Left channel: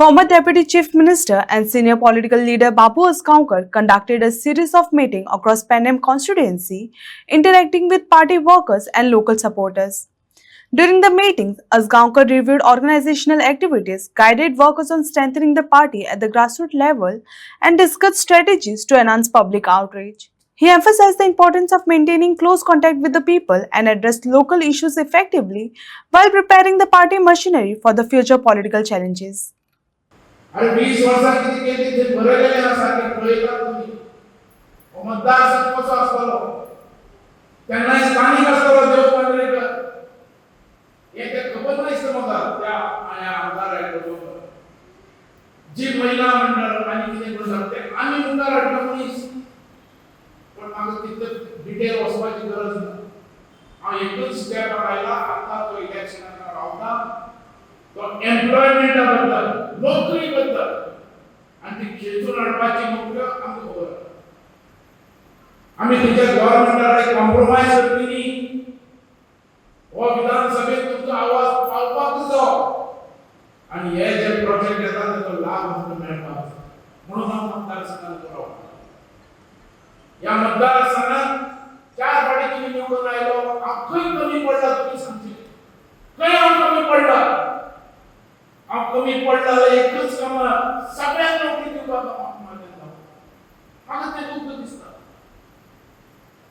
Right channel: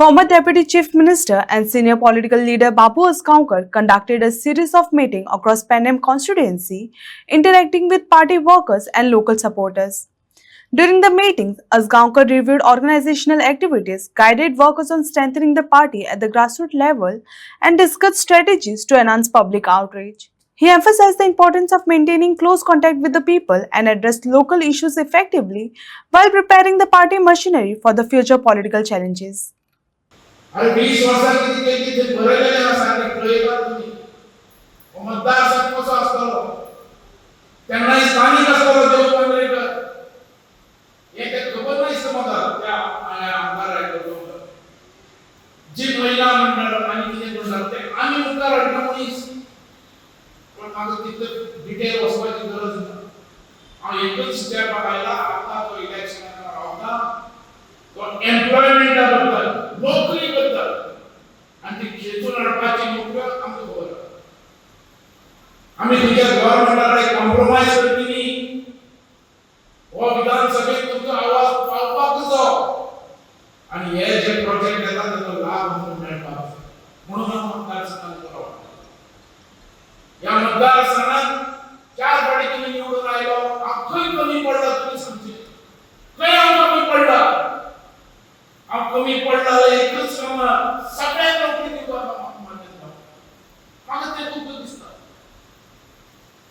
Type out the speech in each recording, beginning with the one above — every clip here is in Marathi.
Former Deputy Chief Minister and senior political leader Babu Asgaonkar conducted a series of meetings across Panem constituency, interacting with party workers and local supporters. During the meetings, Asgaonkar reviewed organizational activities, guided workers on strengthening the party at the grassroots level, and discussed strategies to enhance public outreach. He emphasized the importance of maintaining close contact with the people and addressed local issues effectively while preparing the party machinery for the future political challenges. आणि 20 वर्षांनी किती ते भरलेले असतात प्रयत्न तुम्ही मतदारसंघ कसं असतो त्यांना स्थानिक असतो देव मंडळी एक खबर नाही समजला त्या आमदार आहे जी महिला मंडळ आणि तिने बोलते आम्ही मुद्दा अडकवणी पण माझं तिथं डिटेल वाचवायची गरज नाही आणि एकच स्टेप आला आता तो इलेक्शन राहता तो एम्प्लॉयमेंट बद्दल नोकरी बद्दल आणि ती खेचून अडपायची नोकरी आमचं खबर आम्ही तुमच्या गव्हर्नमेंटला कॉम्प्रोमाइज करतली व विधानसभेत तुमचा आवाज पावपाक जाओ आणि हे जे प्रोजेक्ट येतात त्याचा लाभ म्हणून मिळणार म्हणून मतदारसंघात करावं या मतदारसंघात 4 पार्टीने निवडून राहिलो अख्खी कमी पडला तुम्ही समजे काही कमी पडला कमी पडला एकच काम सगळ्या नोकरी मागे ते तुमचं दिसतं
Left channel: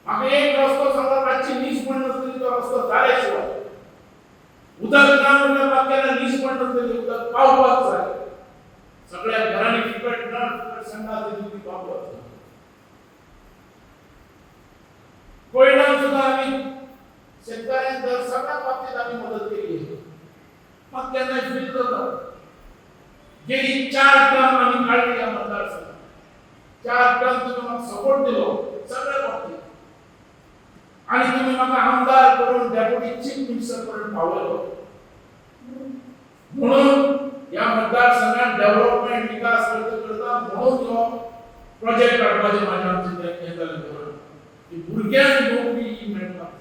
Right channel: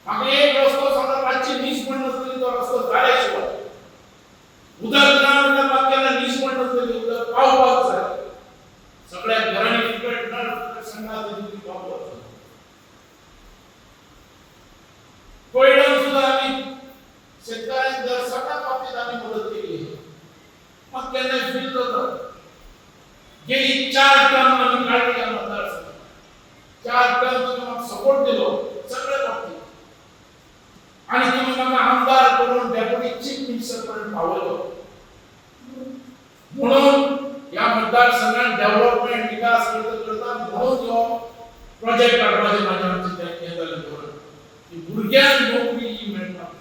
मागे एक रस्तो समजा 520 पण नसली तो रस्तो झाल्याशिवाय उदरग्राम वाक्याला 20 पण नसली उदर पावपाव झाले सगळ्या घराणी फुकट न संघात तुम्ही पावपाव कोयडावर सुद्धा आम्ही शेतकऱ्यांना दर सगळ्या बाबतीत आम्ही मदत केली मग त्यांना फील होतं गेली 4 टर्म आम्ही काढली या मतदारसंघात 4 टर्म तुम्ही सपोर्ट दिलो सगळ्या बाबतीत आणि तुम्ही मला आमदार करून डेप्युटी चीफ मिनिस्टर पर्यंत पावलो म्हणून या मतदारसंघात डेव्हलपमेंट विकास करता म्हणून जो प्रोजेक्ट काढण्याचे माझ्या आमचे केंद्राने धोरण की भुरग्यांना नोकरी मिळतात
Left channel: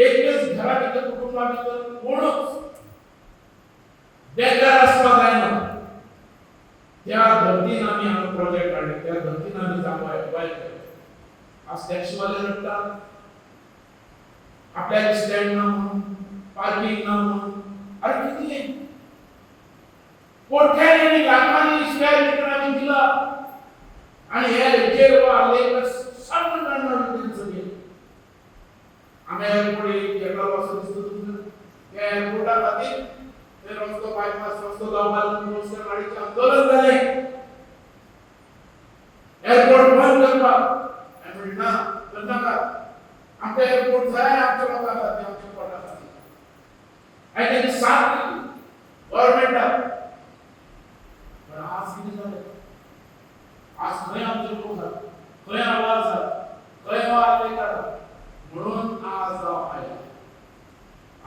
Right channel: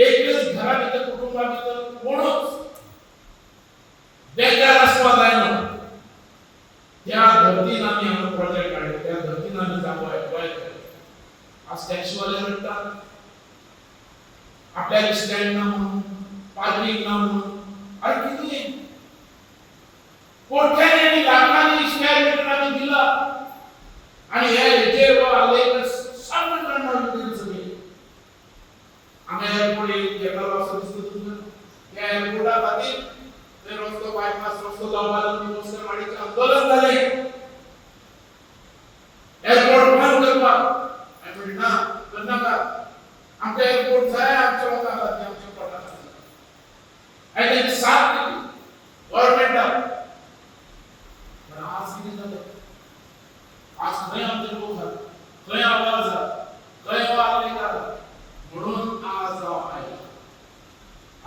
एकच घरात कुटुंबात कोणच बेकार असवा जायना त्या धर्तीनं आम्ही हा प्रोजेक्ट काढले त्या धर्तीनं आम्ही जागवाय आज टॅक्सीवाले रडतात आपल्या स्टँड ना म्हणून पार्किंग ना म्हणून अरे किती कोट्याने लाखांनी स्क्वेअर मीटर आम्ही दिला आणि हे रिझर्व आले तर सगळं करणार होते सगळे आम्ही एअरपोर्ट येणार असं दिसतं तुमचं त्या एअरपोर्टाखाली ते रस्तो बायपास रस्तो लावून रस्ते माडीचे आंदोलन झाले एअरपोर्ट बंद करवा आणि ना बंद नका आमच्या एअरपोर्ट आहे आमच्या लोकांना ते आमच्या पोटात आणि ते साथ केली गव्हर्नमेंट पण आज किती झालं आज नाही आमचे लोक झाले खय आवाज झाला खय आले का म्हणून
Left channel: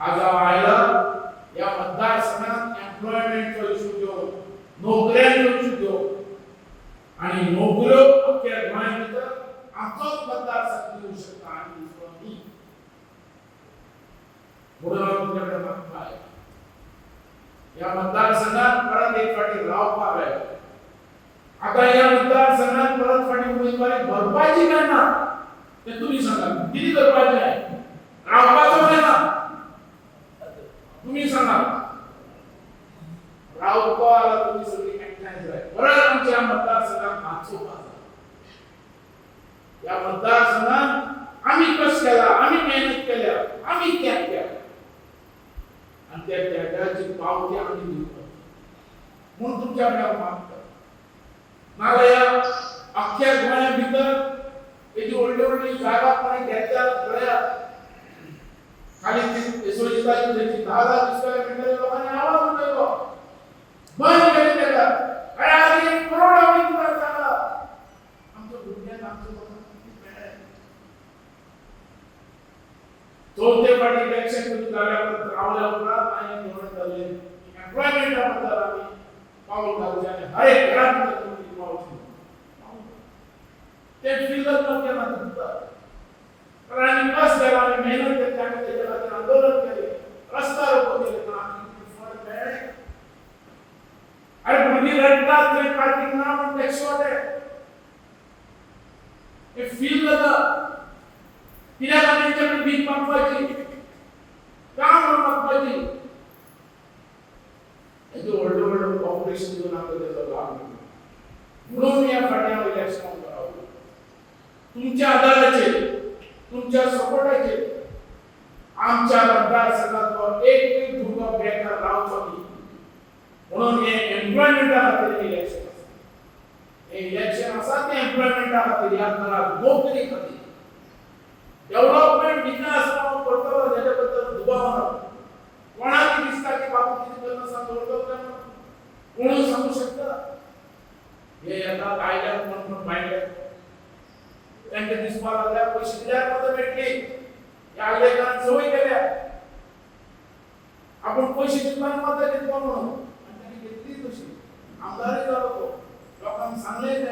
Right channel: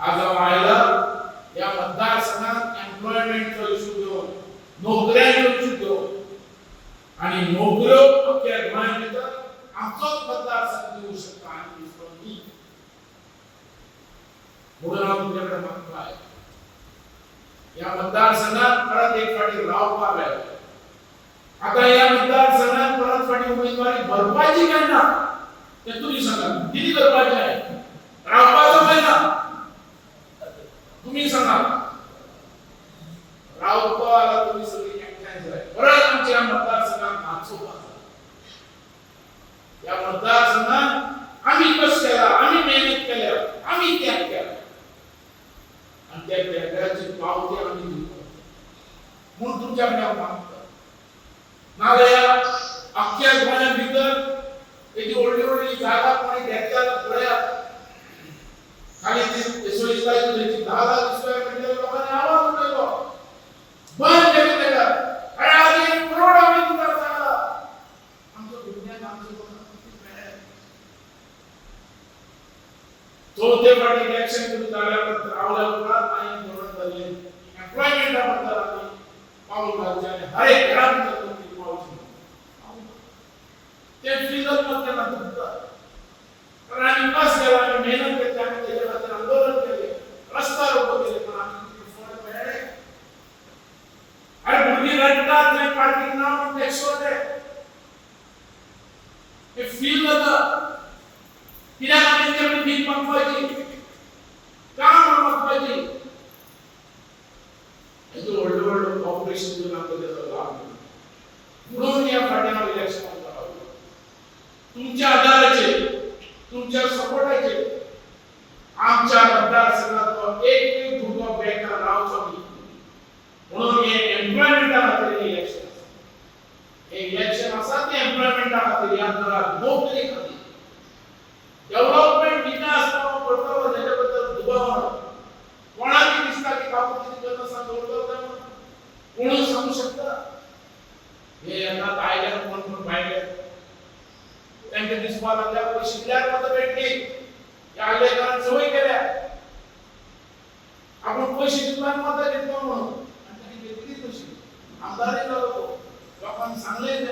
आज आयला या मतदारसंघात एम्प्लॉयमेंटचा इश्यू घेऊन नोकऱ्यांचा इश्यू घेऊन आणि नोकऱ्यो अख्ख्या गोंयांत आमचोच मतदारसंघ देऊ शकता आणि मी म्हणून तुमच्याकडे मागतो आहे या मतदारसंघात परत एक फाटी रावपाक आहे आता या मतदारसंघात परत फाटी उमेदवारी भरपाची काय ना ते तुम्ही सांगा किती भरपाची आहे रावपाचं आहे ना तुम्ही सांगा रावतो आला तुम्ही सगळी कॅन्सल आहे परत आमच्या मतदारसंघात मागचो या मतदारसंघात आम्ही कष्ट केला आम्ही मेहनत केल्या आम्ही त्याग केला आणि त्या त्यागाची पावती आम्ही दिली म्हणून तुमच्याकडे मागतो नाले अख्ख्या गोव्या भीतर एक ओल्डी जागा पण घ्यायला पळया खाली ती सोयीस्ताई तुझी 10,000 स्क्वेअर मीटर लोकांनी आवाज उठवला बंद केली का अरे आज एक करोड आम्ही तुला सांगला आमचं विज्ञान आमचं चौथे पार्टी इलेक्शन तुम्ही झाल्यावर रावल्यावर नाही धोरण झाले एम्प्लॉयमेंट बद्दल आम्ही पाऊल घालचे हर एक घरात तुम्ही पाऊल ते फिजल मध्ये म्हणतात कारण आम्ही कस केला आम्ही मेहनत केली आम्ही त्याच्यासाठी आंदोलन केले रस्ता रोको केले पण आम्ही फळ मिळाले केरळात जे पार्टी नाम अध्यक्ष होते ते फील होतं कित्याक त्यांच्याकडे भीक मागवायची काम मागवायची हे व्हडले व्हडले कॉर्पोरेशन जो नातो त्याचा लाभ म्हणून या फाट्यावर इलेक्शन करावं तुमच्या आधाराचे तुमच्या सपोर्टाचे आमच्या मतदारसंघात एक धुगा बेकार रावचो म्हणून हे एम्प्लॉयमेंटा खातीर इलेक्शन हे इलेक्शन आसा ते एम्प्लॉयमेंटा खातीर याद करा नोकरी खातीर डेव्हलपमेंट विकास करतलो हेजे बद्दल दुबाव कोणाक दिसता की बाबू कितें करता आसा करतलो कोण सांगू शकता हे येतात आयल्यार कोण भायले तांकां दिसपा लागल्या पयशे दिल्यार मतां मेळटली ह्या आयलेकारान संवय केल्या आपण पयशे दिवपाक मतां घेतलो म्हणून आमदारय जालो तो लोकांक सांगलें